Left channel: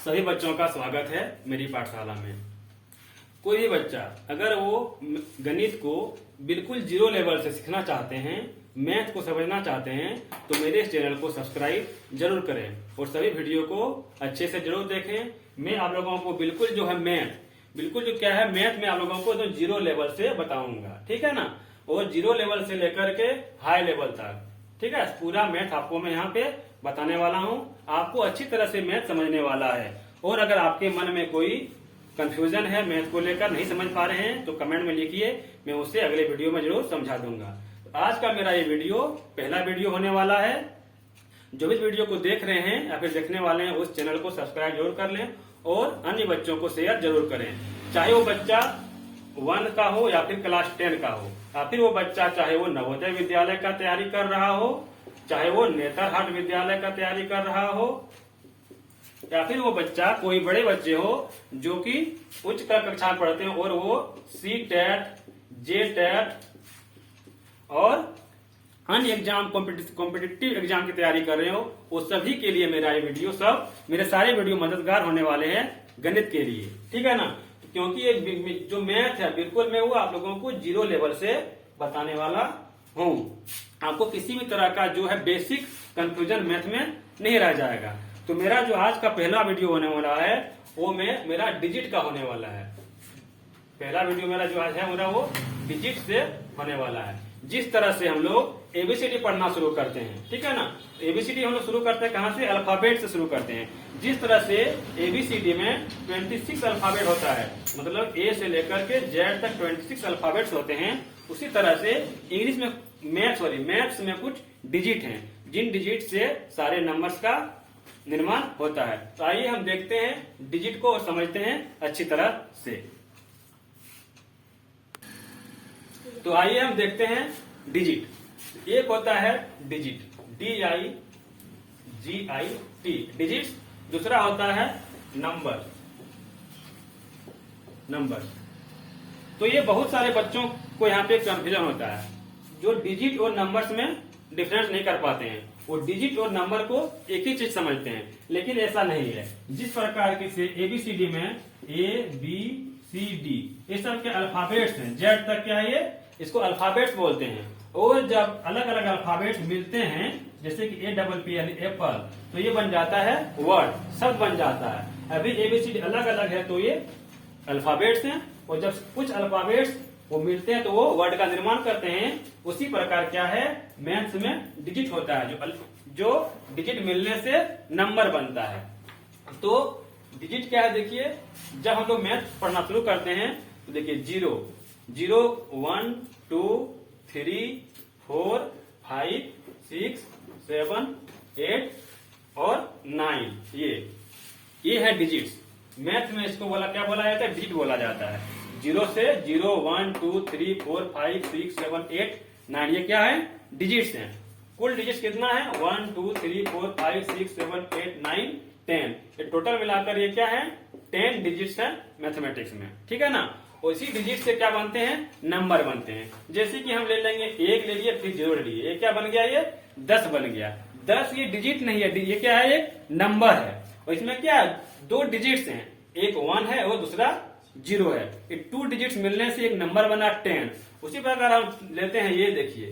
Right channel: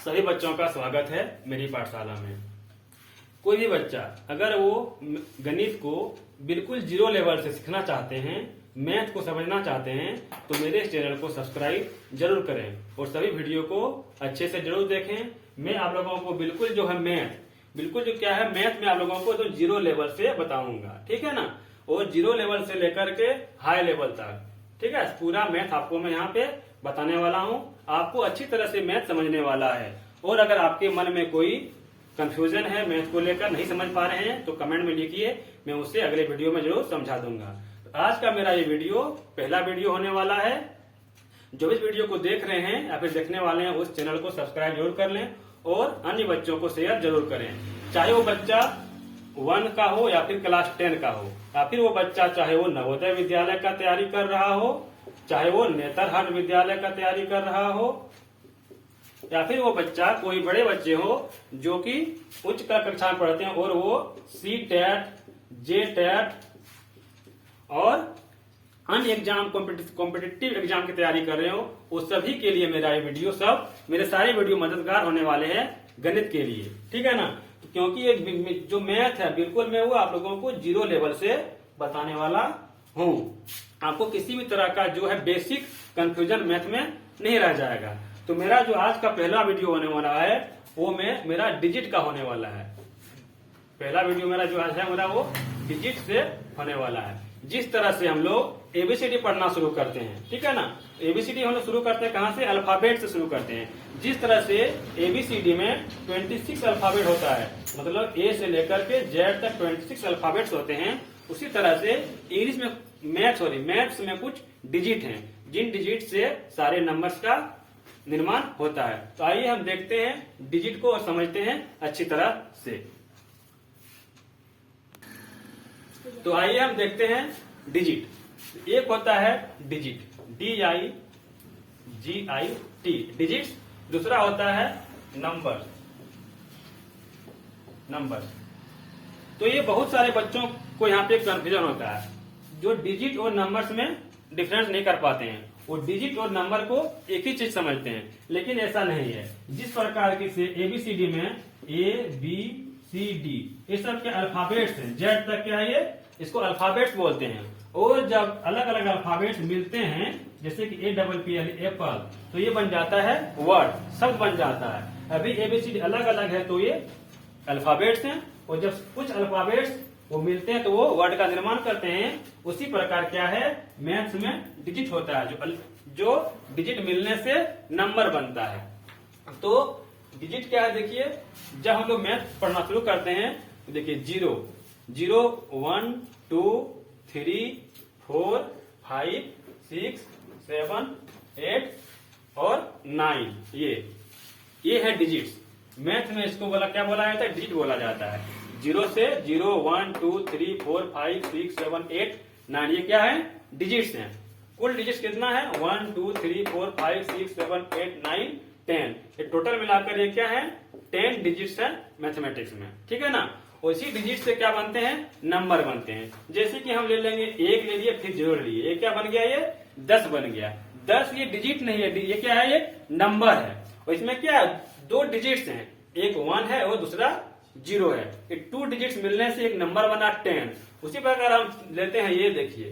सभी बच्चों का स्वागत है मेरी पाठशाला में। कोई भी बच्चा अगर वो गणित को बिल्कुल जीरो लेवल से सीखना चाहते हैं, मैथ को समझना चाहते हैं, तो मेरे इस चैनल को सब्सक्राइब जरूर करें और सभी वीडियो को अच्छे से जरूर देखें। मैं आप लोगों को बिल्कुल जो है मैथ में आप लोगों को तो जीरो लेवल से बताऊंगा, ठीक है ना। और जीरो लेवल से लेकर के हाई लेवल तक, ठीक है, पूरा मैथ आपको मैं यहाँ पे बताने वाला हूँ। आपको अच्छी तरह से मैथ समझने वाला है। और अगर आपके मन में कोई कंफ्यूजन है, मैथ को लेकर नहीं समझ पा रहे हैं, तो कमेंट में लिखिए, मैं उसे अगले वीडियो में जरूर समझा दूंगा। तो आज का मेरा ये वीडियो पहला वीडियो होने वाला है। जो भी वीडियो को देख रहे हैं या फिर देखने वाले हैं, उस चैनल को सब्सक्राइब जरूर कर लें और अन्य बच्चों को शेयर जरूर करें। चाहे वो बच्चा 1 का हो या फिर क्लास 10 का हो, या फिर वो बच्चा चाहे वो नवोदय विद्यालय का तैयारी कर रहा हो, चाहे वो नेतरहाट विद्यालय का तैयारी कर रहा हो, या फिर वो बच्चा कोई बड़े बच्चे हो जो कि उच्च कक्षा में पढ़ते हैं और वो C-TET, J-TET और अन्य एग्जाम कॉम्पिटिटिव एग्जाम की तैयारी कर रहे हो, वो सभी के लिए मेरा ये वीडियो मेरे सारे वीडियो मददगार होने वाले हैं गणित के लिए, ठीक है ना। क्योंकि एक जो मैथ है बिल्कुल मैं वो आप लोगों को जीरो लेवल से बताने वाला हूँ। आपको किसी भी तरह का जो है बेसिक कंफ्यूजन मैथ में नहीं रह जाएगा। तो मेरा जो आज का पहला वीडियो होने वाला है वो मेरा डिजिट का होने वाला है। पहला वीडियो मेरा जो आज है वो डिजिट से होने वाला है। जिस तरह से हम लोग एबीसीडी पढ़ना शुरू करते हैं, ठीक है ना। एबीसीडी हम लोग शुरू करते हैं कहाँ से? अल्फाबेट से शुरू करते हैं। जिस तरह से एबीसीडी में 26 अल्फाबेट होता है, मतलब ए से लेकर के जेड तक 26 अल्फाबेट्स होते हैं, उसी तरह से इंग्लिश में मैथ्स में कुछ डिजिट हैं, जिन डिजिट से सारे नंबर्स का निर्माण होता है। तो आइए हम देखते हैं डिजिट को और समझते हैं अच्छी तरह से। तो आइए हम देखते हैं डिजिट। एक होता है डिजिट, DIGIT डिजिट। दूसरा होता है नंबर। तो ये बहुत सारे बच्चों को यहाँ पे कंफ्यूजन होता है, जो डिजिट और नंबर्स में डिफरेंस नहीं कर पाते हैं। वो डिजिट और नंबर को एक ही चीज समझते हैं, लेकिन ऐसा नहीं है। जिस प्रकार के से एबीसीडी में ABCD ये सब के अल्फाबेट्स हैं, जेड तक क्या है ये, इसको अल्फाबेट्स बोलते हैं। और जब अलग अलग अल्फाबेट्स मिलते हैं, जैसे कि APP यानी एप्पल, तो ये बन जाता है वर्ड, शब्द बन जाता है। अभी एबीसीडी अलग अलग है तो ये अल्फाबेट्स हैं, और जब कुछ अल्फाबेट्स वो मिलते हैं तो वो वर्ड का निर्माण करते हैं। उसी प्रकार क्या है, मैथ्स में डिजिट होता है, जो डिजिट मिलने से नंबर बनता है। तो डिजिट क्या है, देखिए जब हम लोग मैथ पढ़ना शुरू करते हैं तो देखिए 0, 1, 2, 3, 4, 5, 6, 7, 8 और 9, ये है डिजिट्स। मैथ में इसको क्या बोला जाता है? डिजिट बोला जाता है। 0 से 0, 1, 2, 3, 4, 5, 6, 7, 8, 9 ये क्या है? डिजिट्स हैं। कुल डिजिट्स कितना है? 1, 2, 3, 4, 5, 6, 7, 8, 9, 10। ये टोटल मिलाकर ये क्या है? 10 डिजिट्स है मैथमेटिक्स में, ठीक है ना। और इसी डिजिट से क्या बनते हैं? नंबर बनते हैं। जैसे कि हम ले लेंगे 1 ले लिए, फिर 0 ले लिए, ये क्या बन गया? ये 10 बन गया। 10 ये डिजिट नहीं है, ये क्या है? एक नंबर है। और इसमें क्या है? 2 डिजिट्स हैं, एक 1 है और दूसरा 0 है। ये 2 डिजिट्स मिलने से एक नंबर बना 10। उसी प्रकार हम लेते हैं, ये देखिए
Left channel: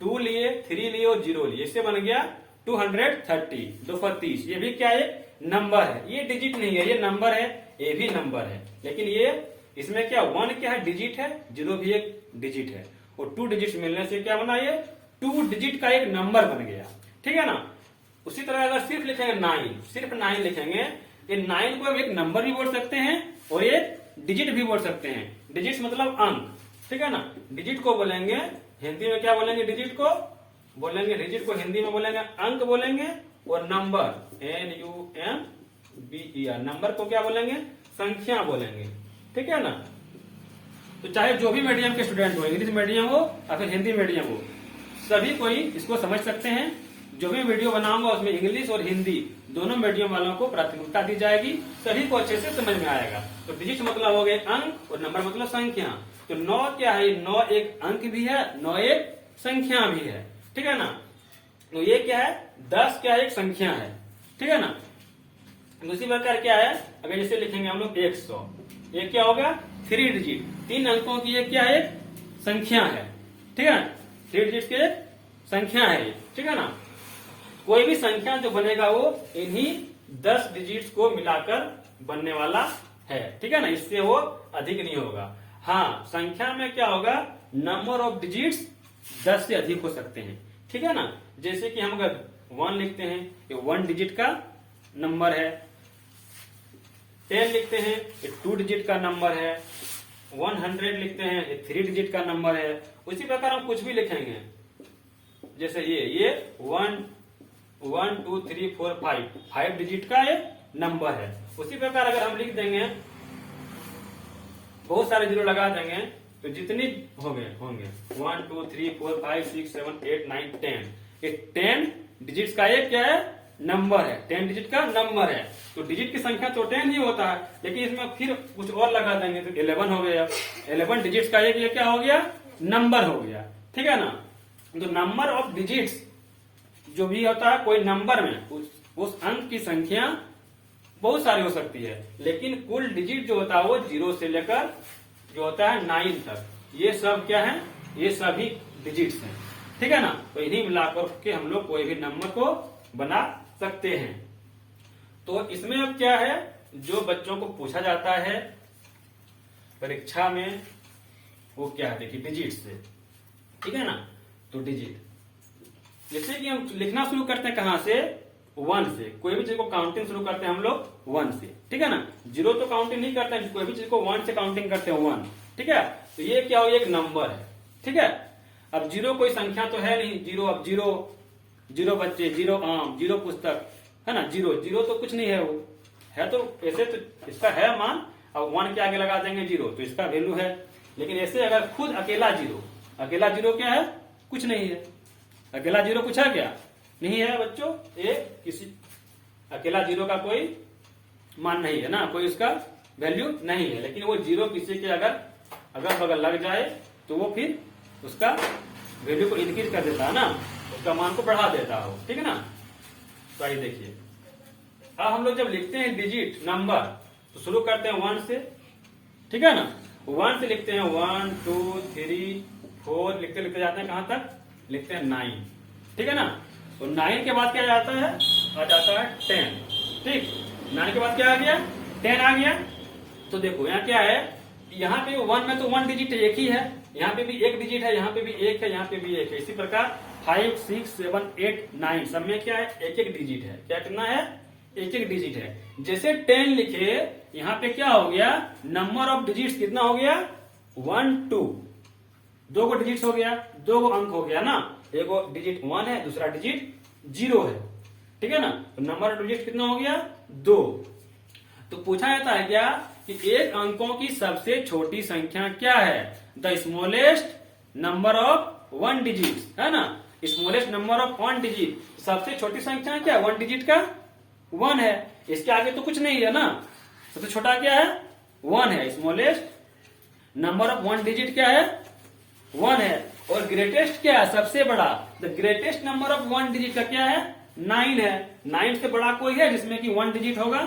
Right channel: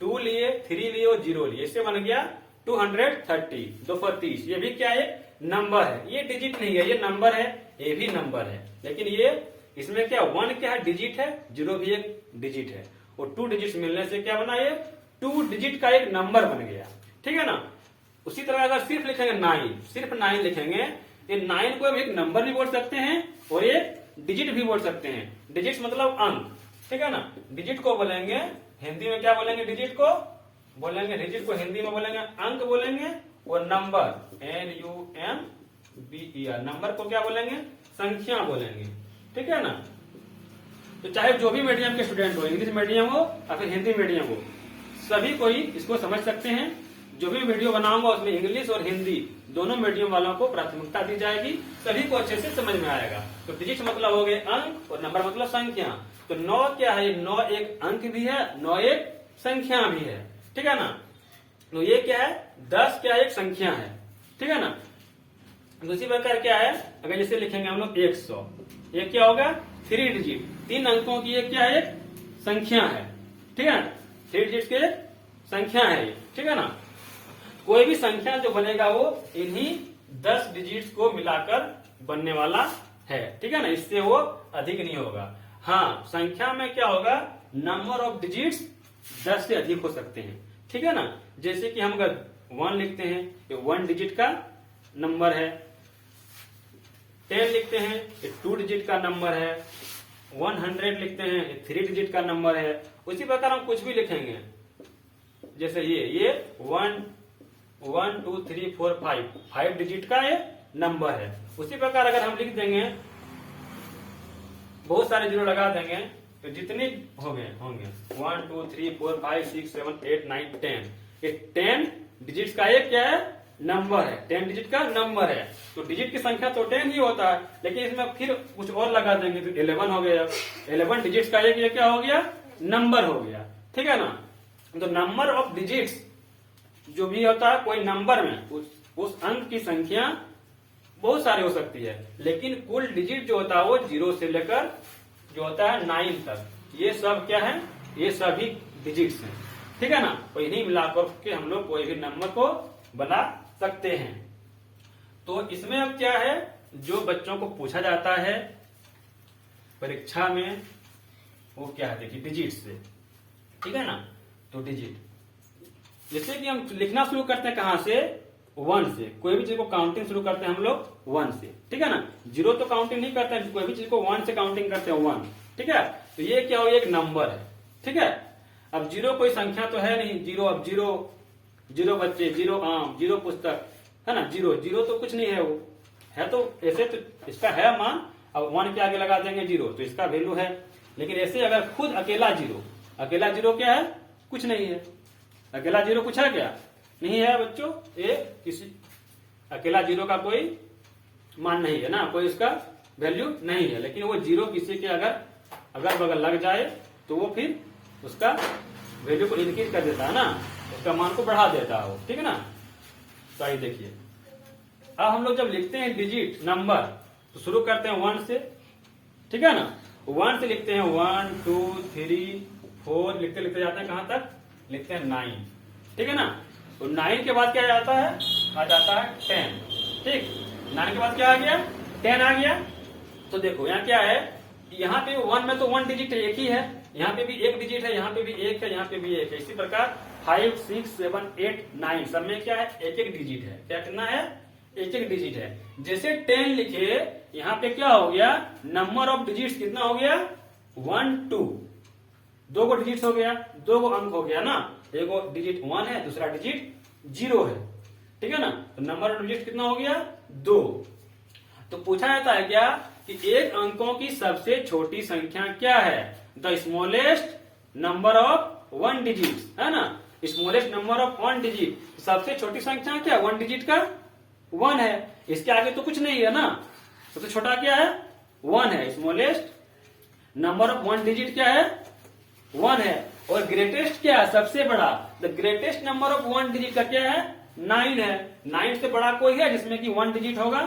2 लिए, 3 लिए और 0 लिए, इससे बन गया 230, 230। ये भी क्या है? नंबर है। ये डिजिट नहीं है, ये नंबर है, ये भी नंबर है। लेकिन ये इसमें क्या 1 क्या है? डिजिट है, 0 भी एक डिजिट है, और 2 डिजिट मिलने से क्या बना? ये 2 डिजिट का एक नंबर बन गया, ठीक है ना। उसी तरह अगर सिर्फ लिखेंगे 9, सिर्फ 9 लिखेंगे, ये 9 को हम एक नंबर भी बोल सकते हैं और एक डिजिट भी बोल सकते हैं। डिजिट मतलब अंक, ठीक है ना। डिजिट को बोलेंगे हिंदी में क्या बोलेंगे? डिजिट को हिंदी में बोलेंगे अंक बोलेंगे, और नंबर NUMBER नंबर को क्या बोलेंगे? संख्या बोलेंगे, ठीक है ना। तो चाहे जो भी मीडियम के स्टूडेंट हो, इंग्लिश मीडियम हो या फिर हिंदी मीडियम हो, सभी कोई इसको समझ सकते हैं। जो भी वीडियो बनाऊंगा उसमें इंग्लिश और हिंदी दोनों मीडियम वालों को प्राथमिकता दी जाएगी, सभी को अच्छे से समझ में आएगा। तो डिजिट मतलब हो गए अंक और नंबर मतलब संख्या। तो 9 क्या है? 9 एक अंक भी है, 9 एक संख्या भी है, ठीक है ना। तो ये क्या है? 10 क्या एक संख्या है, ठीक है ना। दूसरी प्रकार क्या है, अगर जैसे लिखेंगे हम लोग 100, ये क्या होगा 3 डिजिट, 3 अंकों की ये क्या है, संख्या है, ठीक है ना, 3 डिजिट की संख्या है ये, ठीक है ना। कोई भी संख्या जो बनेगा वो इन्हीं 10 डिजिट्स को मिलाकर बनने वाला है, ठीक है ना, इससे वो अधिक नहीं होगा। हाँ, संख्या में क्या होगा, नंबर ऑफ डिजिट्स 10 से अधिक हो सकते हैं, ठीक है ना। जैसे कि हम अगर 1 लिखते हैं, ये 1 डिजिट का नंबर है, 10 लिखते हैं, ये 2 डिजिट का नंबर है, 100 लिखते हैं, ये 3 डिजिट का नंबर है। उसी प्रकार हम कुछ भी लिखेंगे, जैसे ये 1 2 3 4 5 डिजिट का ये नंबर है। उसी प्रकार अगर हम लिख देंगे, बहुत सारे जीरो लगा देंगे, तो जितनी होंगे 1 2 3 4 5 6 7 8 9 10, ये 10 डिजिट्स का ये क्या है, नंबर है, 10 डिजिट का नंबर है। तो डिजिट की संख्या तो 10 ही होता है, लेकिन इसमें फिर कुछ और लगा देंगे तो 11 हो गया, 11 डिजिट्स का ये क्या हो गया, नंबर हो गया, ठीक है ना। तो नंबर ऑफ डिजिट्स जो भी होता है, कोई नंबर में उस अंक की संख्या बहुत सारी हो सकती है, लेकिन कुल डिजिट जो होता है वो 0 से लेकर जो होता है 9 तक, ये सब क्या है, ये सभी डिजिट्स हैं, ठीक है ना। तो इन्हीं मिलाकर के हम लोग कोई भी नंबर को बना सकते हैं। तो इसमें अब क्या है, जो बच्चों को पूछा जाता है परीक्षा में, वो क्या है, देखिए डिजिट से, ठीक है ना। तो डिजिट जैसे कि हम लिखना शुरू करते हैं कहां से, 1 से, कोई भी चीज को काउंटिंग शुरू करते हैं हम लोग 1 से, ठीक है ना। 0 तो काउंटिंग नहीं करते हैं, कोई भी चीज को 1 से काउंटिंग करते हैं 1, ठीक है। तो ये क्या हो, एक नंबर है, ठीक है। अब 0 कोई संख्या तो है नहीं, 0 अब 0 बच्चे, 0 आम, 0 पुस्तक, है ना, 0 तो कुछ नहीं है, वो है तो ऐसे तो इसका है मान, अब 1 के आगे लगा देंगे 0 तो इसका वैल्यू है। लेकिन ऐसे अगर खुद अकेला 0 क्या है, कुछ नहीं है, अकेला 0 पूछा क्या, नहीं है बच्चों, ये किसी अकेला 0 का कोई मान नहीं है ना, कोई इसका वैल्यू नहीं है। लेकिन वो 0 किसी के अगर बगल लग जाए तो वो फिर उसका वैल्यू को इंक्रीज कर देता है ना, उसका मान को बढ़ा देता है, ठीक है ना। तो आइए देखिए, अब हम लोग जब लिखते हैं डिजिट नंबर तो शुरू करते हैं 1 से, ठीक है ना। 1 से लिखते हैं 1 2 3 4, लिखते लिखते जाते हैं कहां तक, लिखते हैं 9, ठीक है ना। तो 9 के बाद क्या आता है, आ जाता है 10, ठीक। 9 के बाद क्या आ गया, 10 आ गया। तो देखो यहाँ क्या है, यहाँ पे 1 में तो 1 डिजिट एक ही है, यहाँ पे भी 1 डिजिट है, यहाँ पे भी 1 है, यहाँ पे भी 1 है। इसी प्रकार 5 6 7 8 9 सब में क्या है, 1 डिजिट है। क्या कितना है, 1 डिजिट है। जैसे 10 लिखे, यहाँ पे क्या हो गया, नंबर ऑफ डिजिट्स कितना हो गया, 1 2, 2 को डिजिट हो गया, 2 को अंक हो गया ना, एक डिजिट 1 है, दूसरा डिजिट 0 है, ठीक है ना। तो नंबर ऑफ डिजिट कितना हो गया, 2। तो पूछा जाता है क्या कि एक अंकों की सबसे छोटी संख्या क्या है, the smallest number of 1 digit, है ना, स्मॉलेस्ट नंबर ऑफ 1 डिजिट। सबसे छोटी संख्या क्या, 1 डिजिट का 1 है, इसके आगे तो कुछ नहीं है ना, सबसे छोटा क्या है, 1 है। स्मॉलेस्ट नंबर ऑफ 1 डिजिट क्या है, 1 है। और ग्रेटेस्ट क्या है, सबसे बड़ा, the greatest number of 1 digit का क्या है, 9 है। 9 से बड़ा कोई है जिसमें कि 1 डिजिट होगा,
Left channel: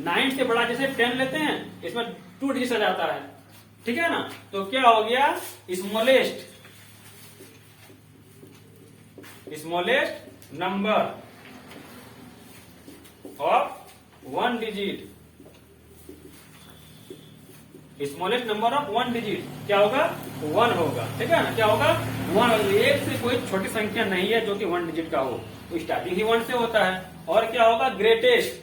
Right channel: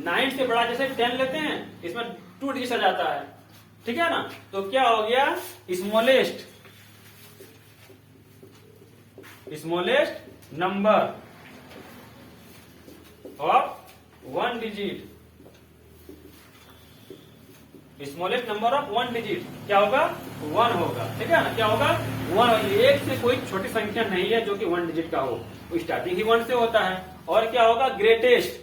9 से बड़ा जैसे 10 लेते हैं, इसमें 2 डिजिट आ जाता है, ठीक है ना। तो क्या हो गया, smallest number of 1 digit, smallest number of 1 digit क्या होगा, 1 होगा, ठीक है ना। क्या होगा, 1। एक से कोई छोटी संख्या नहीं है जो कि 1 डिजिट का हो, तो स्टार्टिंग ही 1 से होता है। और क्या होगा, ग्रेटेस्ट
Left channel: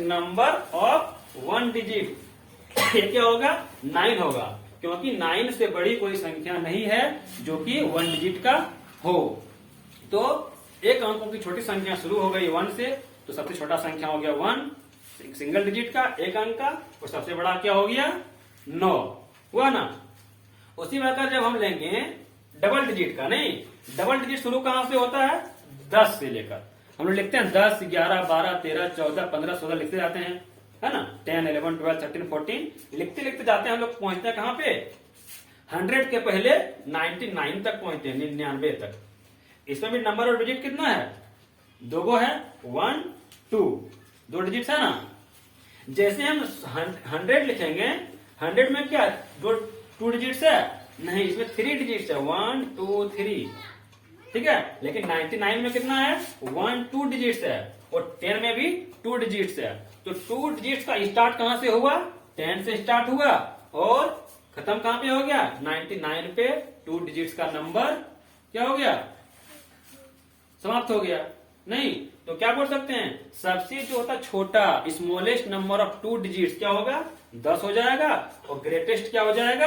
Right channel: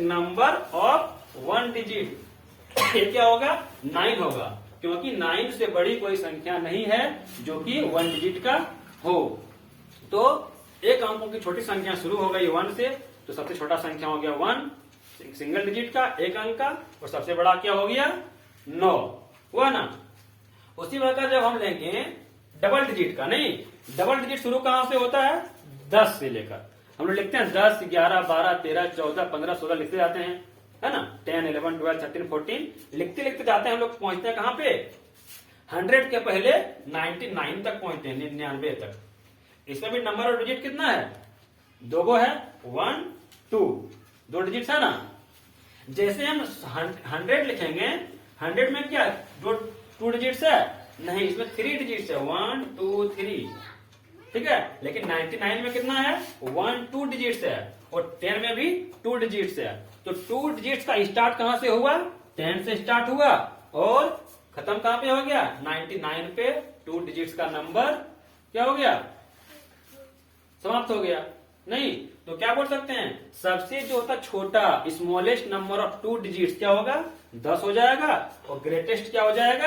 नंबर ऑफ 1 डिजिट, ये क्या होगा, 9 होगा, क्योंकि 9 से बड़ी कोई संख्या नहीं है जो कि 1 डिजिट का हो। तो एक अंकों की छोटी संख्या शुरू हो गई 1 से, तो सबसे छोटा संख्या हो गया 1 सिंगल डिजिट का, एक अंक का, और सबसे बड़ा क्या हो गया, 9, हुआ ना। उसी प्रकार जब हम लेंगे डबल डिजिट का, नहीं, डबल डिजिट शुरू कहां से होता है, 10 से लेकर हम लोग लिखते हैं 10 11 12 13 14 15 16 लिखते जाते हैं, है ना। 10 11 12 13 14 लिखते लिखते जाते हैं, हम लोग पहुंचते हैं कहां पे, 100 के पहले 99 तक पहुंचते हैं, 99 तक। इसमें भी नंबर और डिजिट कितना है, 2 गो है, 1 2, 2 डिजिट है ना। जैसे हम 100 लिखेंगे, 100 में क्या 2 डिजिट है, नहीं इसमें 3 डिजिट है, 1 2 3, ठीक है। लेकिन 99 में कितना है, 1 2 डिजिट है, और 10 में भी 2 डिजिट है। तो 2 डिजिट का स्टार्ट कहां से हुआ, 10 से स्टार्ट हुआ, और खत्म कहां पे हो गया, 99 पे 2 डिजिट्स का नंबर क्या हो गया, समाप्त हो गया। नहीं तो क्या बोल सकते हैं, सबसे जो होता छोटा स्मॉलेस्ट नंबर ऑफ 2 डिजिट्स क्या होगा, 10 हो जाएगा, और ग्रेटेस्ट क्या हो जाएगा,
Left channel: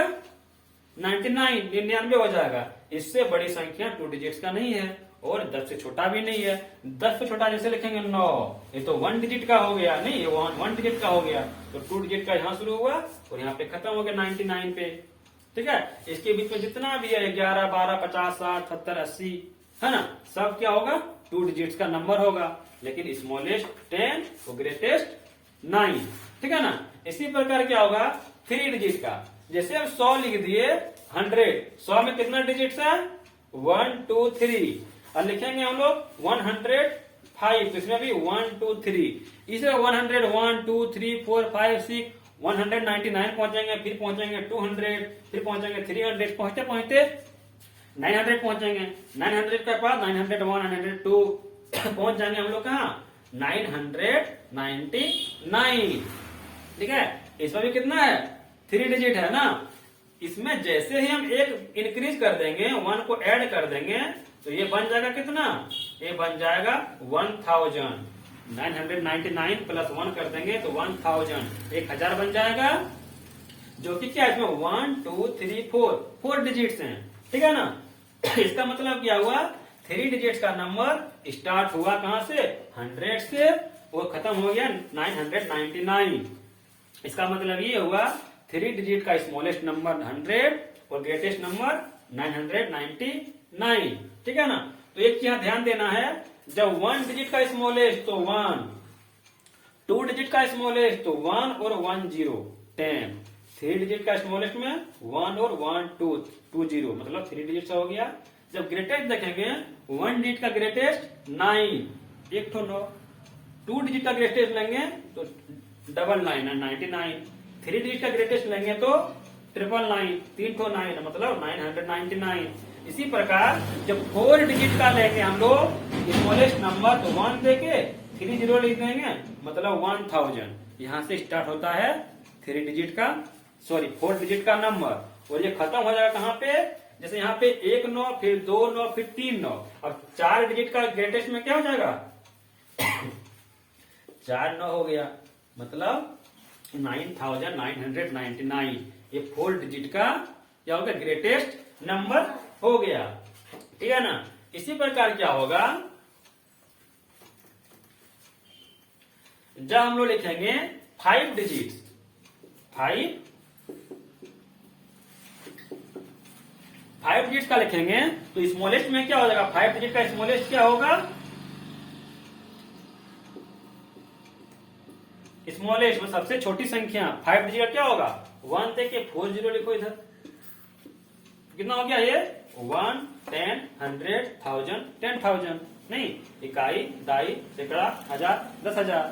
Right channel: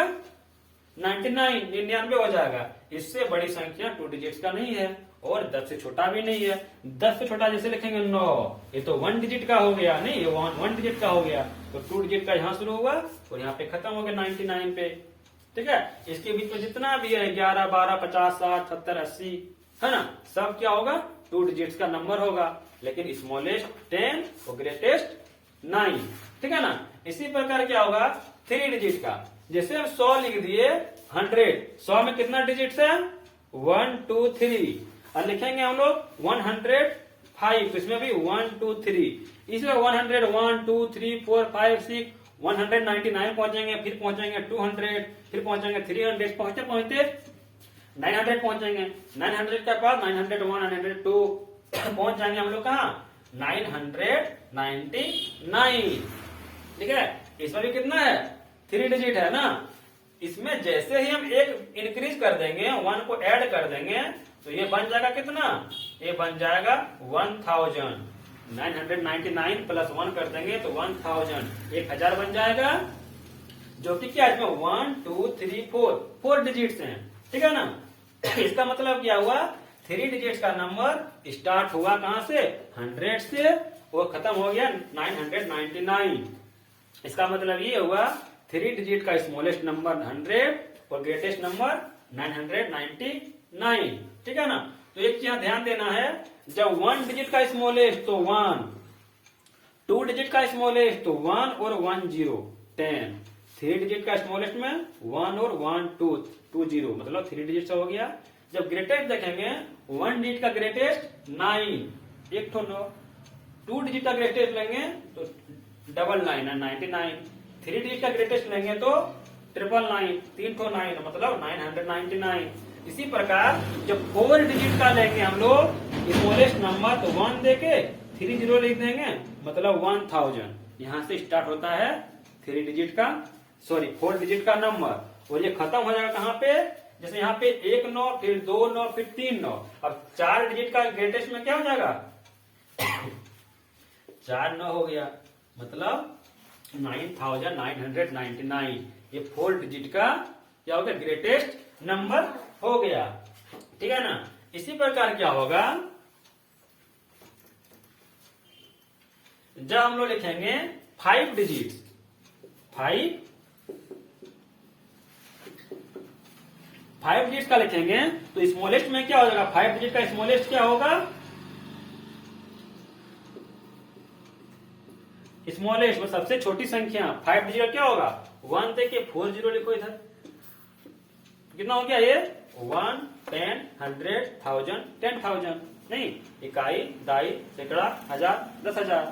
99 हो जाएगा। इससे बड़ी संख्या 2 डिजिट्स का नहीं है, और 10 से छोटा भी नहीं है। 10 से छोटा जैसे लिखेंगे 9, ये तो 1 डिजिट का हो गया, नहीं ये 1 डिजिट का हो गया, तो 2 डिजिट का यहाँ शुरू हुआ और यहाँ पे खत्म हो गया 99 पे, ठीक है। इसके बीच में जितना भी है 11 12 50 60 70 80 है ना, सब क्या होगा, 2 डिजिट्स का नंबर होगा। लेकिन स्मॉलेस्ट 10 और ग्रेटेस्ट 9, ठीक है ना। इसी प्रकार क्या होगा 3 डिजिट का, जैसे हम 100 लिख दिए 100, 100 में कितना डिजिट्स है, 1 2 3, और लिखेंगे हम लोग 105, तो इसमें भी 1 2 3, इसमें 100 1 2 3 4 5 6 199 पहुंचेंगे, फिर पहुंचेंगे 200, फिर पहुंचेंगे 300, पहुंचते पहुंचते 900 पहुंचेंगे, 900 के बाद 901 902 पहुंच जाएंगे हम लोग कहा 999, ठीक है। इसमें भी कितना है, 3 डिजिट है ना। इसमें जैसे ही हम एक इंक्रीज कर देंगे, 1 को ऐड कर देंगे, तो ये बन जाएगा कितना, ये बन जाएगा 1000। 999 प्लस 1 कर देंगे तो 1000, 1000 बन जाएगा, जो कि क्या इसमें 1 2 3 4 डिजिट्स हैं, ठीक है ना। इसका मतलब क्या हुआ, 3 डिजिट्स का नंबर स्टार्ट हुआ कहां से, 100 से, वो खत्म हो गया 999। इसका मतलब ये हुआ 3 डिजिट का स्मॉलेस्ट नंबर 100 और ग्रेटेस्ट नंबर 999, ठीक है ना। तो एक यहाँ ध्यान देना है, जब 1 डिजिट का स्मॉलेस्ट तो 1, 2 डिजिट का स्मॉलेस्ट तो 1 और 1 0 10, 3 डिजिट का स्मॉलेस्ट में 1 और 1 2 2 0, मतलब 3 डिजिट हो गया। जब ग्रेटेस्ट देखेंगे, 1 डिजिट का ग्रेटेस्ट 9, एक तो 9, 2 डिजिट का ग्रेटेस्ट लेंगे तो 99 99, 3 डिजिट का ग्रेटेस्ट लेंगे तो 999, 3 तो 9 मतलब 999। इसी प्रकार जब 4 डिजिट का लेंगे हम लोग स्मॉलेस्ट नंबर तो 1 देके 3 0 लिख देंगे, मतलब 1000। यहां से स्टार्ट होता है 3 डिजिट का 4 डिजिट का नंबर, और ये खत्म हो जाएगा कहां पे, जैसे यहाँ पे 1 9, फिर 2 9, फिर 3 9, अब 4 डिजिट का ग्रेटेस्ट में क्या हो जाएगा 4 9 हो गया, मतलब 9999। ये 4 डिजिट का क्या हो गया, ग्रेटेस्ट नंबर हो गया, ठीक है ना। इसी प्रकार क्या होगा, जब हम लोग लिखेंगे 5 डिजिट, 5 डिजिट का लिखेंगे तो स्मॉलेस्ट में क्या हो जाएगा, 5 डिजिट का स्मॉलेस्ट क्या होगा, स्मॉलेस्ट में सबसे छोटी संख्या 5 डिजिट का क्या होगा, 1 देके 4 0 लिखो इधर, कितना हो गया ये 1 10 100 1000 10,000, नहीं इकाई दाई सैकड़ा हजार 10,000,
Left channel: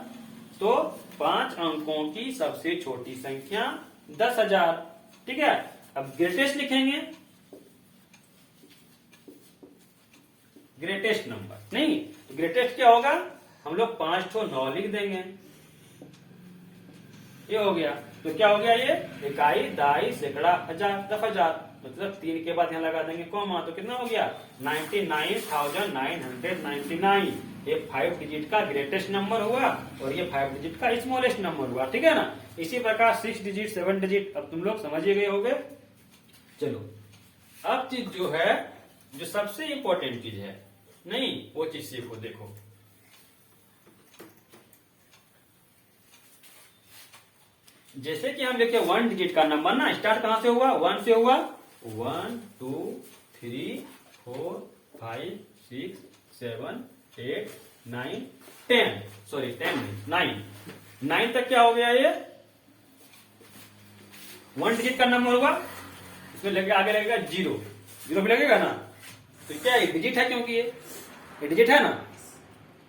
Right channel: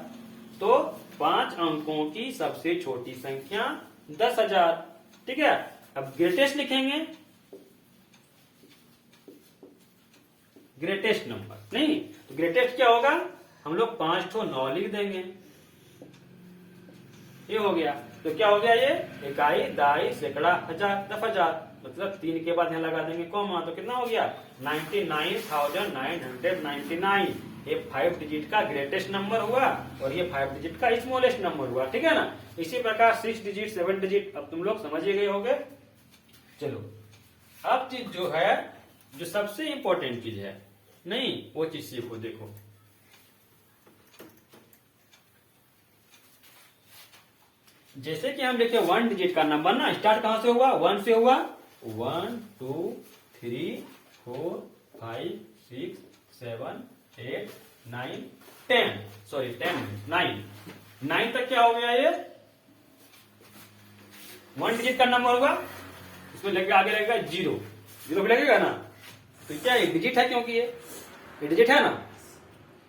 तो 5 अंकों की सबसे छोटी संख्या 10,000, ठीक है। अब ग्रेटेस्ट लिखेंगे, ग्रेटेस्ट नंबर, नहीं तो ग्रेटेस्ट क्या होगा, हम लोग 5 तो 9 लिख देंगे, ये हो गया। तो क्या हो गया, ये इकाई दाई सैकड़ा हजार 10,000, मतलब 3 के बाद यहां लगा देंगे कॉमा, तो कितना हो गया 99,999। ये 5 डिजिट का ग्रेटेस्ट नंबर हुआ और ये 5 डिजिट का स्मॉलेस्ट नंबर हुआ, ठीक है ना। इसी प्रकार 6 डिजिट 7 डिजिट अब तुम लोग समझ ही गए होंगे। चलो अब चीज जो है, जो सबसे इंपॉर्टेंट चीज है, नहीं वो चीज सीखो, देखो जैसे कि हम लिखे 1 डिजिट का नंबर ना स्टार्ट कहां से हुआ, 1 से हुआ, 1 2 3 4 5 6 7 8 9 10, सॉरी 10 9 तक क्या हो गया, ये 1 डिजिट का नंबर होगा, इसमें लेके आगे लगेगा 0 पे लगेगा ना, तो क्या ये डिजिट है, क्योंकि ये डिजिट है ना,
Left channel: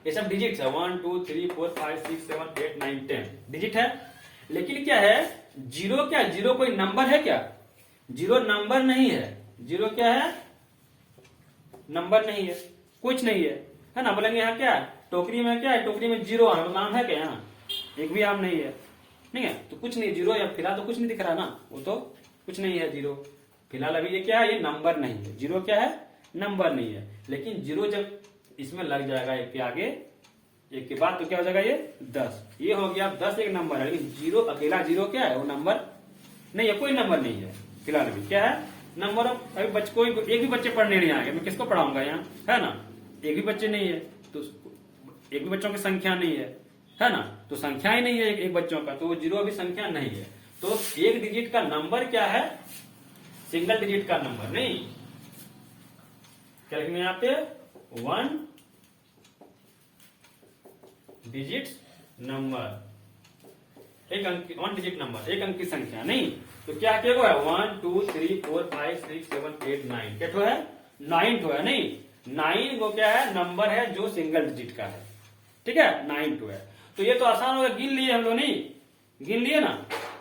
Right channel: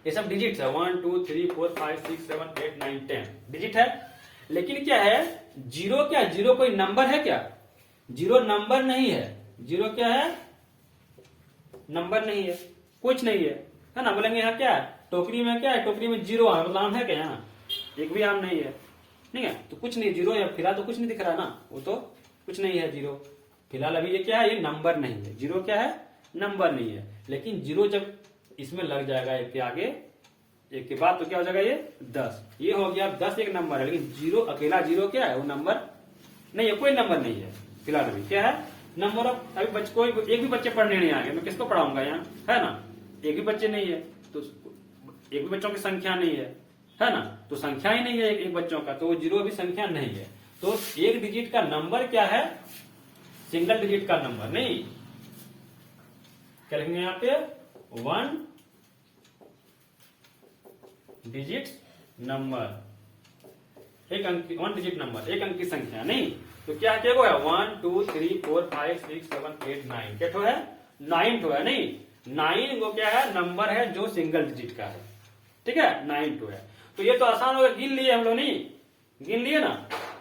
ये सब डिजिट है। 1 2 3 4 5 6 7 8 9 10 डिजिट है। लेकिन क्या है, जीरो, क्या जीरो कोई नंबर है क्या? जीरो नंबर नहीं है। जीरो क्या है? नंबर नहीं है, कुछ नहीं है ना। बोलेंगे यहाँ क्या है, टोकरी में क्या है, टोकरी में जीरो है, आम है क्या? यहाँ एक भी आम नहीं है, नहीं है तो कुछ नहीं। जीरो या फिलहाल तो कुछ नहीं दिख रहा ना, वो तो कुछ नहीं है जीरो फिलहाल। अभी ये क्या है, ये नंबर नहीं है। जीरो क्या है? नंबर नहीं है। लेकिन जीरो जब इसमें लग जाएगा एक के आगे, एक के बाद, तो क्या हो जाएगा ये 10। ये हो गया 10 एक नंबर है। लेकिन जीरो अकेला जीरो क्या है, वो नंबर नहीं है, कोई नंबर नहीं है फिलहाल। अभी क्या है, नंबर ऑफ, अभी कोई एक भी बच्चे पढ़ने नहीं आएंगे, मैं किसको पढ़ाऊंगा यहाँ, है ना। एक भी बच्चे नहीं है तो एक भी बच्चों की संख्या नहीं है ना, तो संख्या ही नहीं है एक बच्चों का, तो वो जीरो अभी संख्या नहीं है। तो एक डिजिट का नंबर क्या है, सिंगल डिजिट का नंबर नहीं। क्या लिखेंगे यहाँ पे, 1 डिजिट नंबर, एक अंक, 1 डिजिट नंबर, एक अंक की संख्या नहीं। तो क्या है, 1 2 3 4 5 6 7 8 9 क्या है, 9 ठो है नहीं। 9 वो क्या है, नंबर है जो सिंगल डिजिट का है, ठीक है, 9 ठो है। तो ये तो आसान होगा, गिन लिए हम लोग, नहीं गिन लिए ना।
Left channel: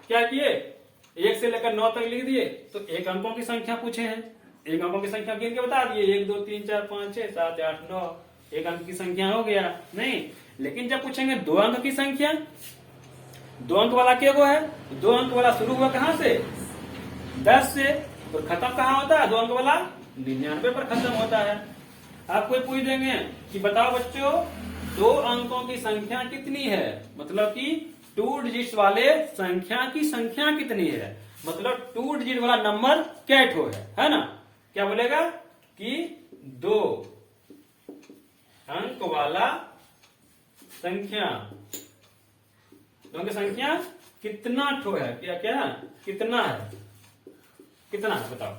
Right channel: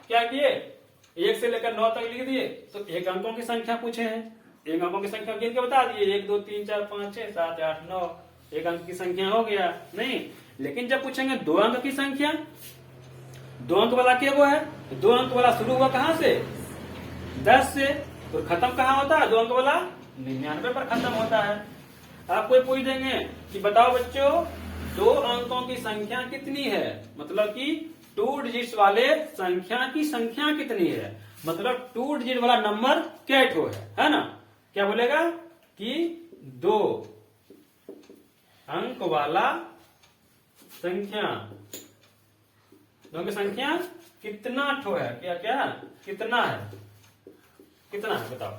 क्या किए, 1 से लेकर 9 तक लिख दिए। तो एक अंकों की संख्या पूछे हैं, एक अंकों की संख्या गिन के बता दिए, 1 2 3 4 5 6 7 8 9, एक अंक की संख्या हो गया नहीं। लेकिन जब पूछेंगे 2 अंक की संख्या, 2 अंक वाला क्या वो है, 2 अंक वाला शुरू हुआ कहां से, 10 से, तो खत्म कहां होता है, 2 अंक वाला 99 पर खत्म होता है। आप कोई पूछ देंगे कि बताओ बच्चों 2 अंकों की संख्या कितनी है, मतलब कि 2 डिजिट्स वाले संख्या की संख्या कितनी है, मतलब 2 डिजिट वाला नंबर क्या ठो है ना। क्या बोलेगा कि 2 अंक वाला संख्या, दोनों की संख्या कितना ठो है, क्या क्या ना, कितना है, कितना है बताओ,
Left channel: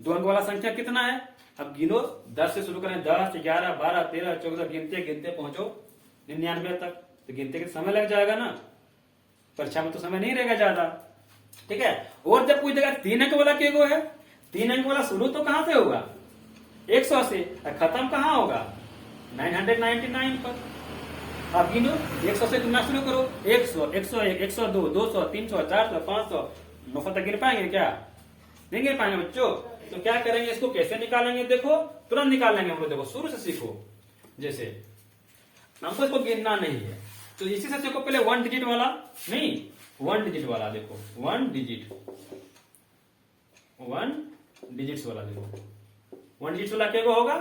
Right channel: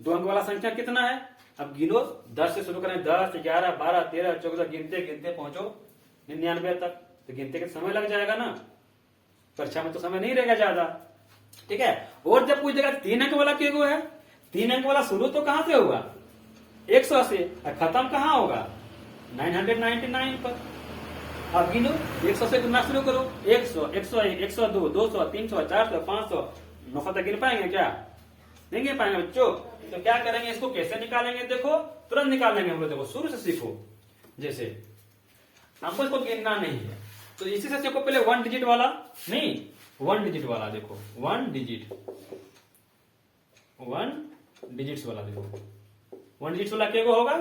2 अंक वाला संख्या कितना है। अब गिनो, 10 से शुरू करें, 10 11 12 13 14, गिनते गिनते पहुंचो 99 तक, तो गिनते के समय लग जाएगा ना, परीक्षा में तो समय नहीं रहेगा ज्यादा, ठीक है। और जब पूछ देगा 3 अंक वाला क्या है, 3 अंक वाला शुरू तो कहां से होगा, 100 से, और खत्म कहां होगा 999 पर। अब गिनो, 100 से गिनना शुरू करो, 100 101 102 200 300 400 500 900 तक गिन पाएंगे क्या, नहीं गिन पाएंगे बच्चों। तो क्या करेंगे, इसको कैसे निकालेंगे, देखो तुरंत निकालेंगे हम लोग, देखो शुरू से सीखो। जैसे हमको इसको गिनना नहीं है, तो इसी से सीखो पहले 1 डिजिट वाला, नहीं 1 डिजिट वाला, देखो 1 डिजिट, 1 डिजिट्स वाला, देखो 1 डिजिट वाला क्या होगा,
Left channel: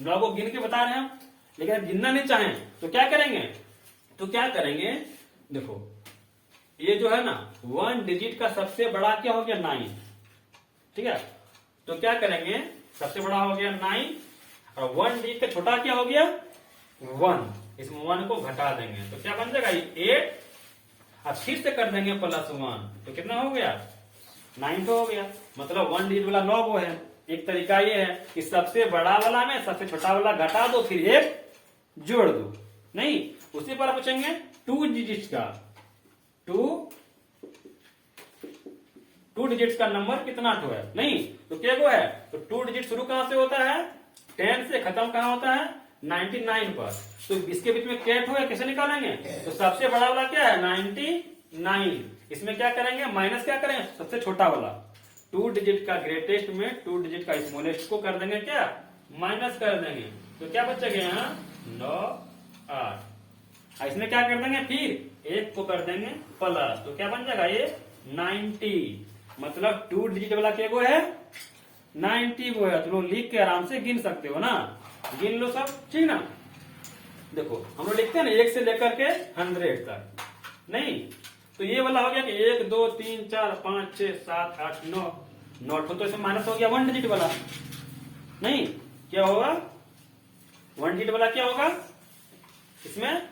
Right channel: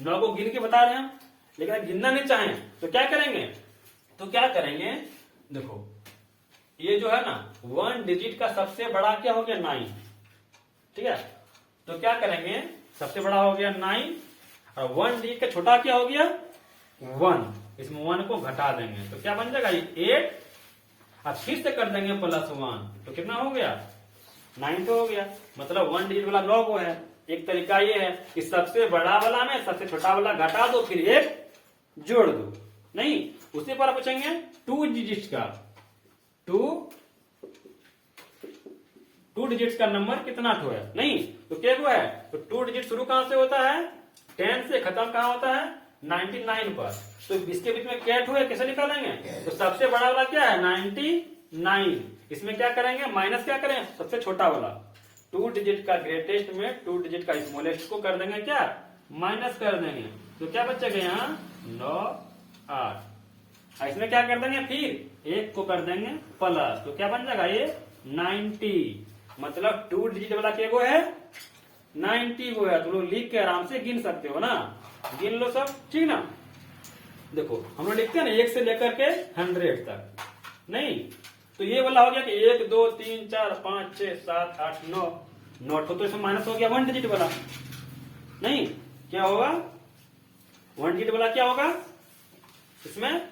9 को गिन के बता रहे हैं हम। लेकिन अगर गिनना नहीं चाहें तो क्या करेंगे, तो क्या करेंगे, देखो ये जो है ना 1 डिजिट का सबसे बड़ा क्या हो गया 9, ठीक है। तो क्या करेंगे, सबसे बड़ा हो गया 9, और 1 डिजिट का छोटा क्या हो गया 1, इसमें 1 को घटा देंगे तो क्या बन जाएगा 8, और फिर से कर देंगे +1, तो कितना हो गया 9 तो हो गया। मतलब 1 डिजिट वाला 9 को है। एक तरीका ये है कि सबसे बड़ा वाला में सबसे छोटा वाला घटा दो, फिर 1 जोड़ दो, नहीं उसी पर पूछेंगे 2 डिजिट्स का, 2 डिजिट्स का नंबर कितना ठो है, नहीं तो क्या को है, तो 2 डिजिट शुरू कहां से होता है 10 से, खत्म कहां होता है 99 पर। तो इसके बीच में क्या ठो है, कैसे निकालेंगे, तो सबसे बड़ा वाला क्या है 99, इसमें क्या करेंगे माइनस, क्या करें सबसे छोटा वाला, 2 डिजिट का ग्रेटेस्ट में 2 डिजिट का स्मॉलेस्ट को कर देंगे क्या, माइनस कर देंगे, तो क्या बचेगा यहाँ 9 8, इसमें क्या कर देंगे फिर 1 को कर देंगे प्लस, तो क्या बन जाएगा ये 90, मतलब 2 डिजिट वाला क्या वो है 90 वो है। तो लोग लिख के आराम से गिन सकते हो ना, गिन लो सब, ठीक ना। देखो हम लोग लिखते हैं ना 1 से लेकर के 100 तक, नहीं तो ये वाला हो गया कि 1 2 3 4 5 6 7 8 9 तो इसमें माइनस हो गया 1 डिजिट वाला, नहीं क्या होगा 1 डिजिट वाला क्या होगा, इसमें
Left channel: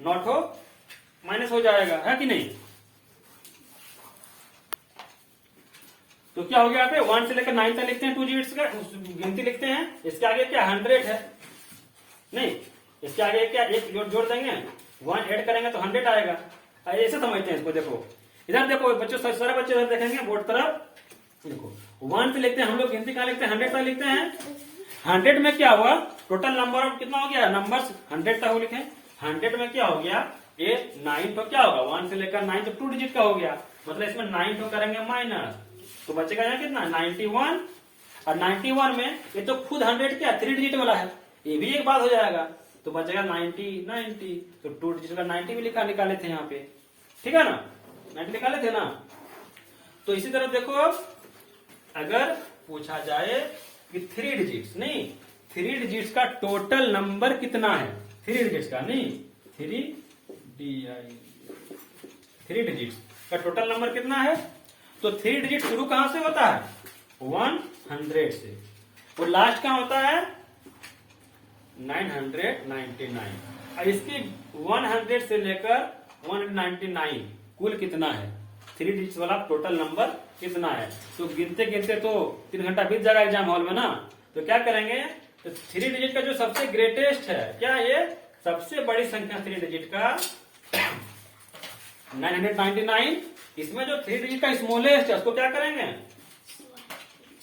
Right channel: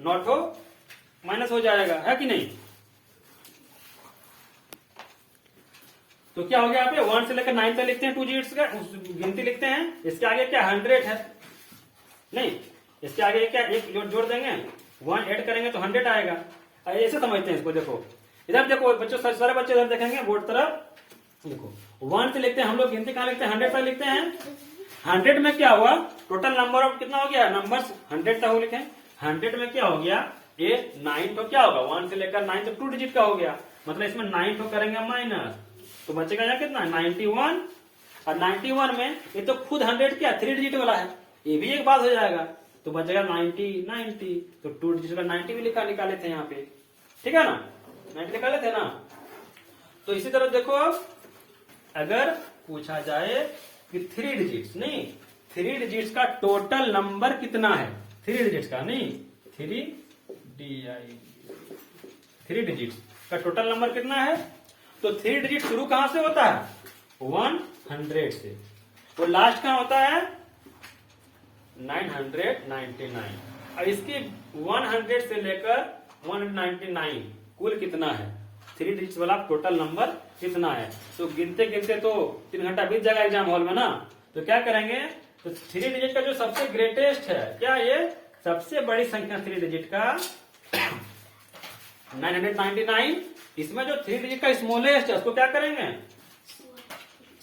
9 माइनस हो जाएगा, है कि नहीं। तो क्या हो गया यहाँ पे 1 से लेकर 9 तक लिखते हैं 2 डिजिट्स का गिनती लिखते हैं, इसके आगे क्या 100 है, नहीं इसके आगे क्या एक जोड़ देंगे, 1 ऐड करेंगे तो 100 आएगा। ऐसे समझते हैं इसको, देखो इधर देखो बच्चों, सारे बच्चे इधर देखेंगे बोर्ड तरफ, देखो 1 से लिखते हैं हम लोग गिनती कहाँ लिखते हैं 100 तक लिखते हैं, 100 में क्या हुआ, टोटल नंबर ऑफ कितना हो गया, नंबर्स 100 तक हो लिखे। 100 में क्या हो गया, ये 9 तो क्या होगा, 1 से लेकर 9 तो 2 डिजिट का हो गया, मतलब इसमें 9 तो करेंगे माइनस, तो बचेगा यहाँ कितना 91। और 91 में ये तो खुद 100 क्या 3 डिजिट वाला है, ये भी एक बात हो जाएगा, तो बचेगा 90, तो 2 डिजिट का 90 भी निकाले थे यहाँ पे, ठीक है ना, 90 निकाले थे ना। तो इसी तरह देखो अब अगर पूछा जाए कि 3 डिजिट्स नहीं, 3 डिजिट्स का टोटल नंबर कितना है, 3 डिजिट्स का नहीं, 3 डिजिट्स का टोटल नंबर कितना है, तो 3 डिजिट शुरू कहां से होता है, 100 से, और लास्ट कहां होता है 999, और इसकी 100 से लेकर 199 कुल कितना है, 3 डिजिट्स वाला टोटल नंबर कितना है। तो गिनते गिनते तो 3 घंटा बीत जाएगा एग्जाम हॉल में ना, तो क्या करेंगे, तो 3 डिजिट का जो सबसे ग्रेटेस्ट है, क्या ये सबसे बड़ी संख्या 3 डिजिट का 999, इसमें जो 3 डिजिट का स्मॉलेस्ट है उसको क्या करेंगे,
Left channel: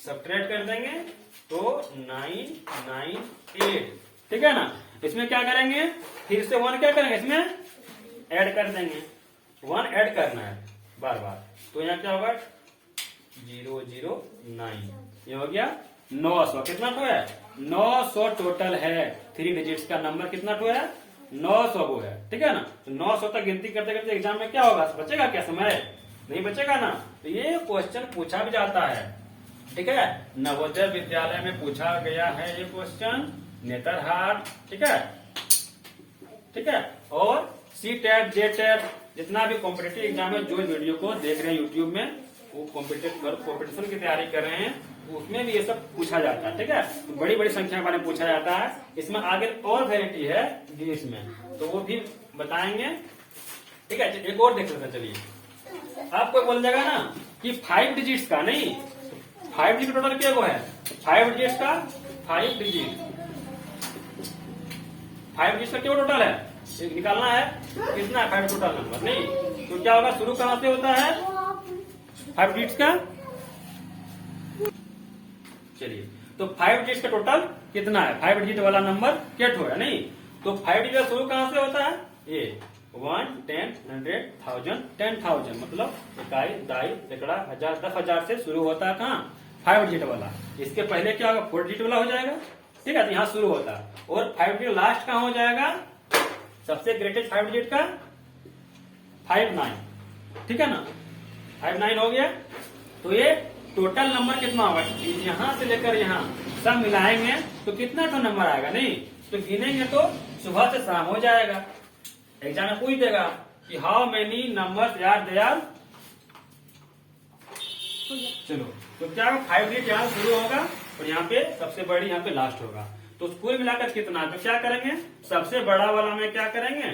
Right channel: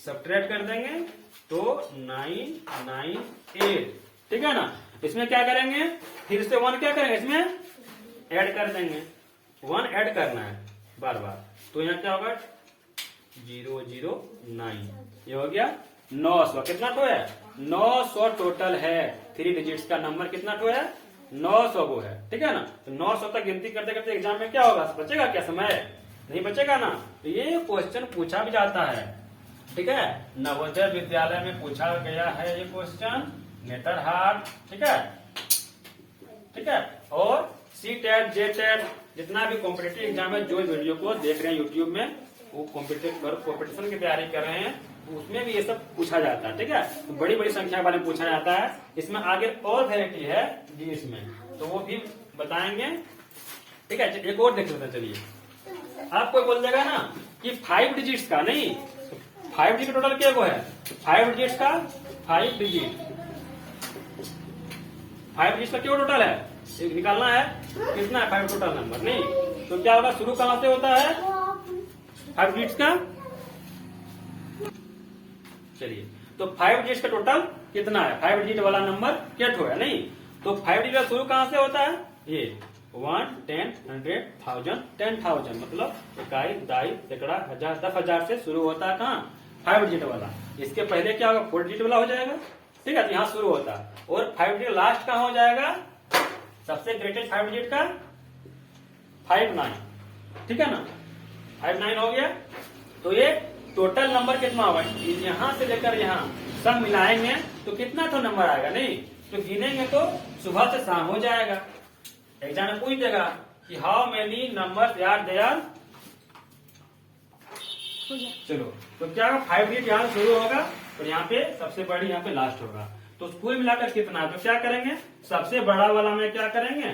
सब्ट्रैक्ट कर देंगे, तो 998, ठीक है ना। इसमें क्या करेंगे, फिर से 1 क्या करेंगे, इसमें ऐड कर देंगे, 1 ऐड करना है बार बार, तो यहाँ क्या होगा 009, ये हो गया 900, कितना तो है 900 टोटल है, 3 डिजिट्स का नंबर कितना तो है 900 वो है, ठीक है ना। तो 900 तक गिनती करते करते एग्जाम में क्या होगा, बचेगा क्या समय, नहीं बचेगा ना। तो ये क्वेश्चन पूछा भी जाता है, ठीक है, नवोदय विद्यालय में पूछा गया है ये क्वेश्चन, नेतरहाट, ठीक है, ठीक है। और C-TET, J-TET जितना भी कॉम्पिटेटिव एग्जाम है, जो वीडियो को देख रहे हैं यूट्यूब में, वो कॉम्पिटिशन की तैयारी कर रहे हैं, उसमें भी ये सब पूछा जाता है, ठीक है। तो बड़ी बड़ी संख्या के बारे में पूछा जाता है, इसमें आगे और वैरायटी है डिजिट्स में, तो वो भी बताएंगे, ठीक है। एक और देख लेते हैं, चलिए। आपको बोल जाएगा ना कि 5 डिजिट्स का नहीं, 5 डिजिट टोटल क्या वो है, 5 डिजिट्स का 5 डिजिट, 5 डिजिट का क्या टोटल है, एक निकालना है, कितना है 5 टोटल नंबर नहीं, तो क्या होगा, शुरू कहां से होता है 5 डिजिट्स का, चलिए, तो 5 डिजिट का टोटल कितना है, 5 डिजिट वाला नंबर क्या है नहीं, तो 5 डिजिट शुरू कहां से होता है, ये 1, 10, 100, 1000, 10,000, मतलब इकाई, दाई, सैकड़ा, हजार, 10,000 से शुरू होता है कहाँ 5 डिजिट वाला। इसके पहले क्या होगा 4 डिजिट वाला हो जाएगा, ठीक है, तो यहाँ शुरू होता है, और 5 डिजिट लास्ट कहाँ हो जाएगा, सबसे ग्रेटेस्ट 5 डिजिट का 59, ठीक है ना, 59 हो गया। तो ये टोटल नंबर कितना होगा, यहां से लेकर यहाँ सब मिलाएंगे तो कितना तो नंबर आएगा नहीं, तो गिनेंगे तो सुबह से शाम हो जाएगा। एग्जाम में पूछ देगा कि how many numbers are there, चलो, तो क्या होगा 5 डिजिट यहाँ शुरू होगा और यहाँ पे सबसे बड़ी यहाँ पे लास्ट होगा, तो कुल मिलाकर कितना, तो क्या करेंगे, सबसे बड़ा वाला में क्या करेंगे,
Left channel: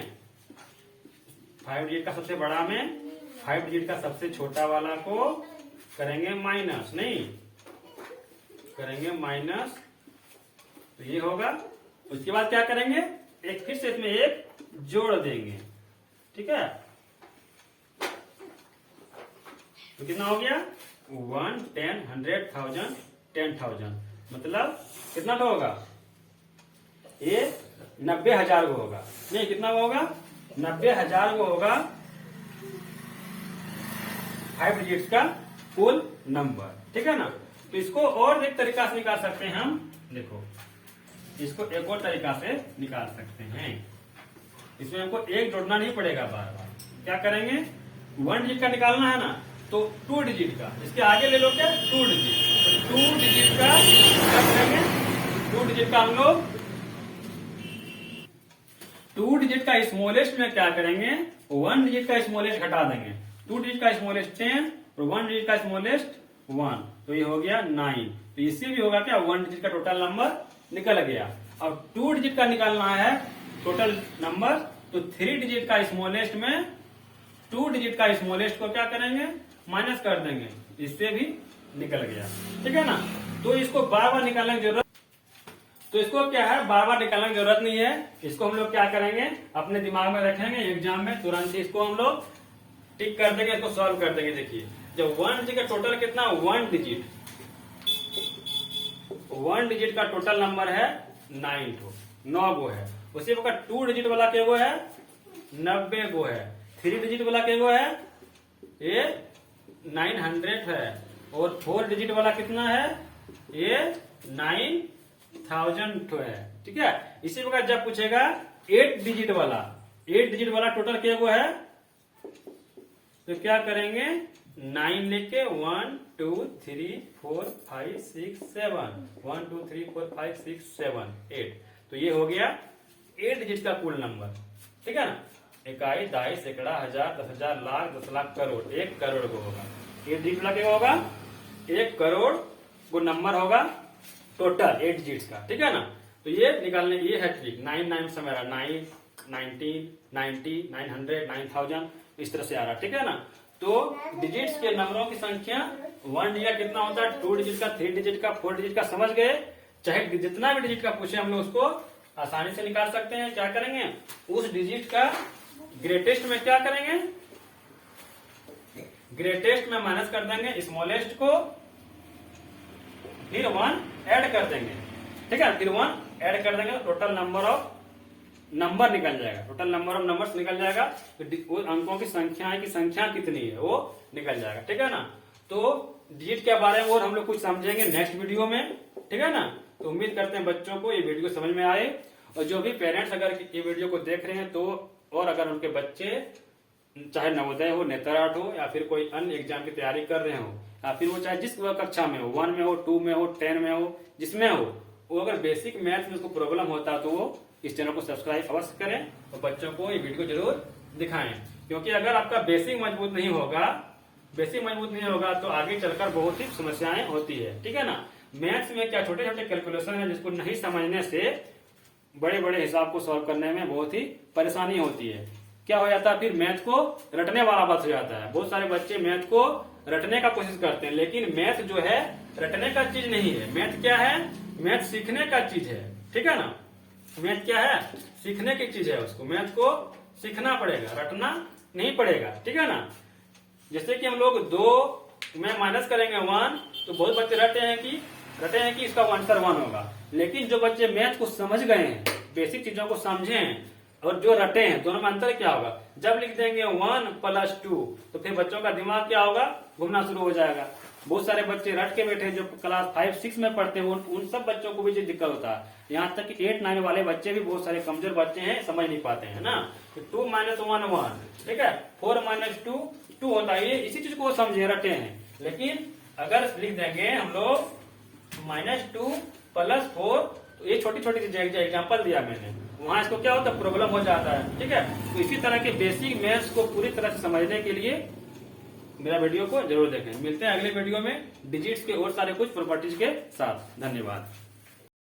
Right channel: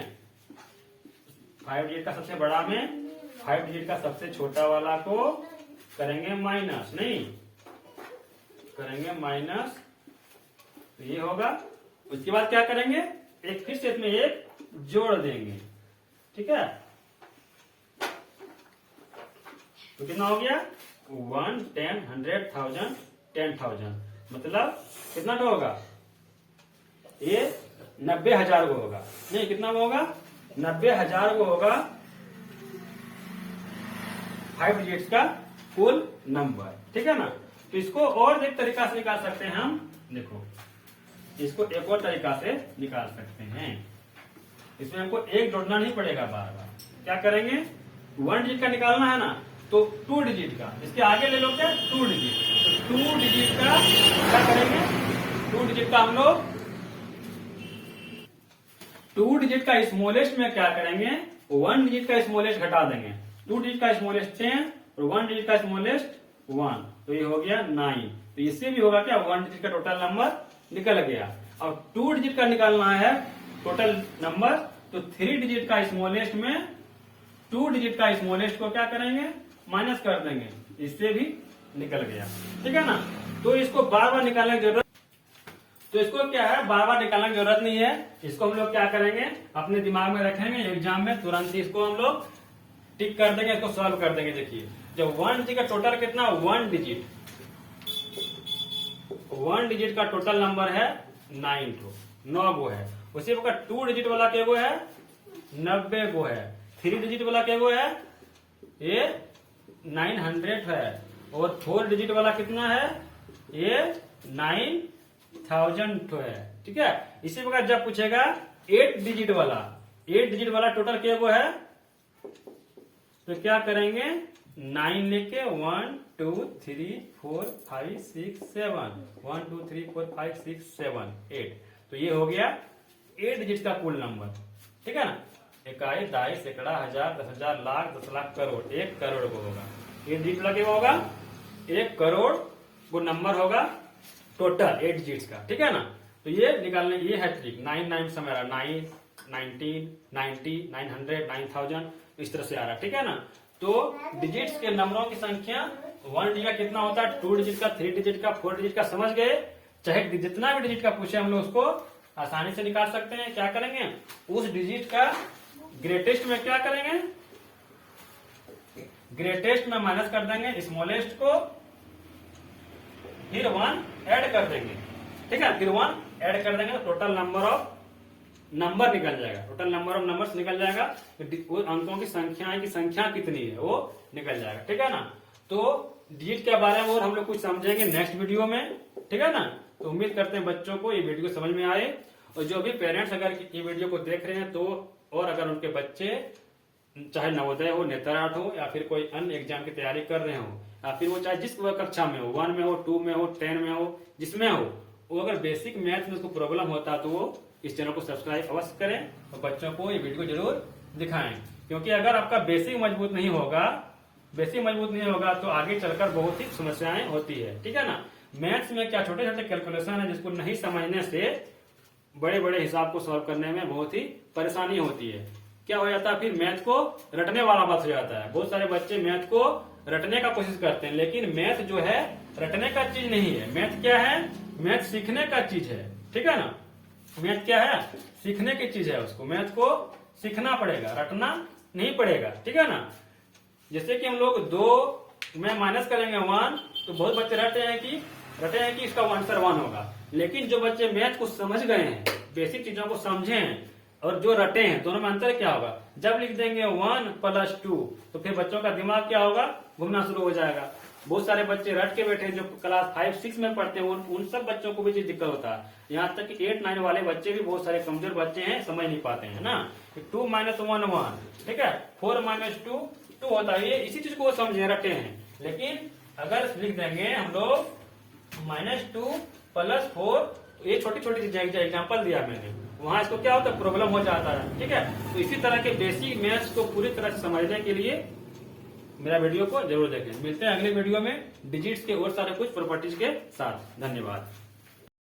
5 डिजिट का सबसे बड़ा में 5 डिजिट का सबसे छोटा वाला को करेंगे माइनस, नहीं करेंगे माइनस, तो ये होगा। उसके बाद क्या करेंगे, एक फिर से इसमें एक जोड़ देंगे, ठीक है, तो कितना हो गया 1, 10, 100, 1000, 10,000, मतलब कितना तो होगा, ये 90,000 को होगा, नहीं कितना वो होगा 90,000 को होगा 5 डिजिट्स का कुल नंबर, ठीक है ना। तो इसको और एक तरीका से निकाल सकते हैं हम, देखो इसको एक और तरीका से निकाल सकते हैं, इसमें हमको एक जोड़ना नहीं पड़ेगा बार बार, क्या करेंगे 1 डिजिट का निकालना है ना, तो 2 डिजिट का इसके आगे ले लो क्या 2 डिजिट, तो 2 डिजिट का क्या करेंगे, 2 डिजिट का हम लोग 2 डिजिट का स्मॉलेस्ट में क्या करेंगे, 1 डिजिट का स्मॉलेस्ट घटा देंगे, 2 डिजिट का स्मॉलेस्ट 10 और 1 डिजिट का स्मॉलेस्ट 1, तो ये हो गया 9, तो इससे भी होगा क्या 1 डिजिट का टोटल नंबर निकल गया। और 2 डिजिट का निकालना है टोटल नंबर, तो 3 डिजिट का स्मॉलेस्ट में 2 डिजिट का स्मॉलेस्ट को क्या करेंगे, माइनस कर देंगे, इससे भी निकल गया, ठीक है ना। तो इसको बार बार निकालने की जरूरत, तो इसको क्या है बार बार निकालने की जरूरत नहीं है, इसको हम लोग क्या करेंगे अपने दिमाग में रखेंगे, एग्जाम में तुरंत इसको हम लोग टिक कर देंगे, इसको सॉल्व कर देंगे। देखिए जब 1 डिजिट का टोटल कितना 1 डिजिट 1 डिजिट का टोटल नंबर है 9 गो है। उसी प्रकार 2 डिजिट वाला क्या गो है 90 गो है। 3 डिजिट वाला क्या गो है ये 900 है। और 4 डिजिट वाला कितना है ये 9000 है। ठीक है, इसी प्रकार जब पूछेगा 8 डिजिट वाला टोटल क्या गो है तो क्या करेंगे 9 लेके 1 2 3 4 5 6 7 1 2 3 4 5 6 7 8। तो ये हो गया 8 डिजिट का कुल नंबर। ठीक है ना, इकाई, दाई, सैकड़ा, हजार, 10,000, लाख, 10 लाख, करोड़। 1 करोड़ को होगा 8 डिजिट वाला क्या होगा 1 करोड़ वो नंबर होगा टोटल 8 डिजिट का। ठीक है ना, तो ये निकालने ये है ट्रिक। 9 से मेरा 9 19 90 900 9000 इस तरह से आ रहा। ठीक है ना, तो डिजिट्स के नंबरों की संख्या 1 डिजिट का कितना होता है 2 डिजिट का 3 डिजिट का 4 डिजिट का समझ गए। चाहे जितना भी डिजिट का पूछे हम लोग उसको आसानी से निकाल सकते हैं। क्या करेंगे उस डिजिट का ग्रेटेस्ट में क्या करेंगे ग्रेटेस्ट में माइनस कर देंगे स्मॉलेस्ट को, फिर 1 ऐड कर देंगे। ठीक है, फिर 1 ऐड कर देंगे तो टोटल नंबर निकल जाएगा। टोटल नंबर ऑफ नंबर्स निकल जाएगा। तो अंकों की संख्या कितनी है वो निकल जाएगा। ठीक है ना, तो डिजिट के बारे में और हम लोग कुछ समझेंगे नेक्स्ट वीडियो में। ठीक है ना, तो उम्मीद करते हैं बच्चों को ये वीडियो समझ में आए। और जो भी पेरेंट्स अगर ये वीडियो को देख रहे हैं तो और अगर उनके बच्चे चाहे नवोदय हो, नेतराट हो या फिर कोई अन्य एग्जाम की तैयारी कर रहे हो या फिर वो चाहे जिस कक्षा में हो 1 में हो 2 में हो 10 में हो जिसमें हो, वो अगर बेसिक मैथ में उसको प्रॉब्लम होता है तो वो इस चैनल को सब्सक्राइब अवश्य करें और बच्चों को ये वीडियो जरूर दिखाएं। क्योंकि अगर आपका बेसिक मजबूत नहीं होगा तो आगे चलकर बहुत ही समस्याएं होती है। ठीक है ना, मैथ्स में क्या छोटे छोटे कैलकुलेशन है जिसको नहीं समझने से बड़े बड़े हिसाब को सॉल्व करने में बहुत ही परेशानी होती है। क्या हो जाता है फिर मैथ को रटने वाला बात हो जाता है। बहुत सारे बच्चे मैथ को रटने का कोशिश करते हैं, लेकिन मैथ जो है रटने का चीज नहीं है। मैथ क्या है मैथ सीखने का चीज है। ठीक है ना, मैथ क्या है सीखने की चीज है। उसको मैथ को सीखना पड़ेगा, रटना नहीं पड़ेगा। ठीक है ना, जैसे कि हम लोग 2 में माइनस करेंगे 1 तो बहुत बच्चे रटे हैं कि इसका आंसर 1 होगा। लेकिन जो बच्चे मैथ को समझ गए हैं, बेसिक चीजों को समझे हैं और जो रटे हैं, दोनों में अंतर क्या होगा जब लिख देंगे 1 + 2 तो फिर बच्चों का दिमाग क्या होगा घूमना शुरू हो जाएगा। बहुत सारे बच्चे रट के बैठे जो क्लास 5-6 में पढ़ते हैं उन सब बच्चों को भी दिक्कत होता है। यहाँ तक कि 8-9 वाले बच्चे भी बहुत सारे कमजोर बच्चे हैं, समझ नहीं पाते हैं ना। 2 - 1 1, ठीक है, 4 - 2 2 होता है। ये इसी चीज को समझे रटे हैं। लेकिन अगर लिख देंगे हम लोग -2 + 4 तो ये छोटी छोटी चीजें एग्जाम्पल दिया मैंने, वहां इसको क्या होता है प्रॉब्लम हो जाता है। ठीक है, तो इसी तरह के बेसिक मैथ्स को पूरी तरह से समझने के लिए मेरा वीडियो को जरूर देखें। मिलते हैं अगले वीडियो में डिजिट्स के और सारे कुछ प्रॉपर्टीज के साथ। धन्यवाद।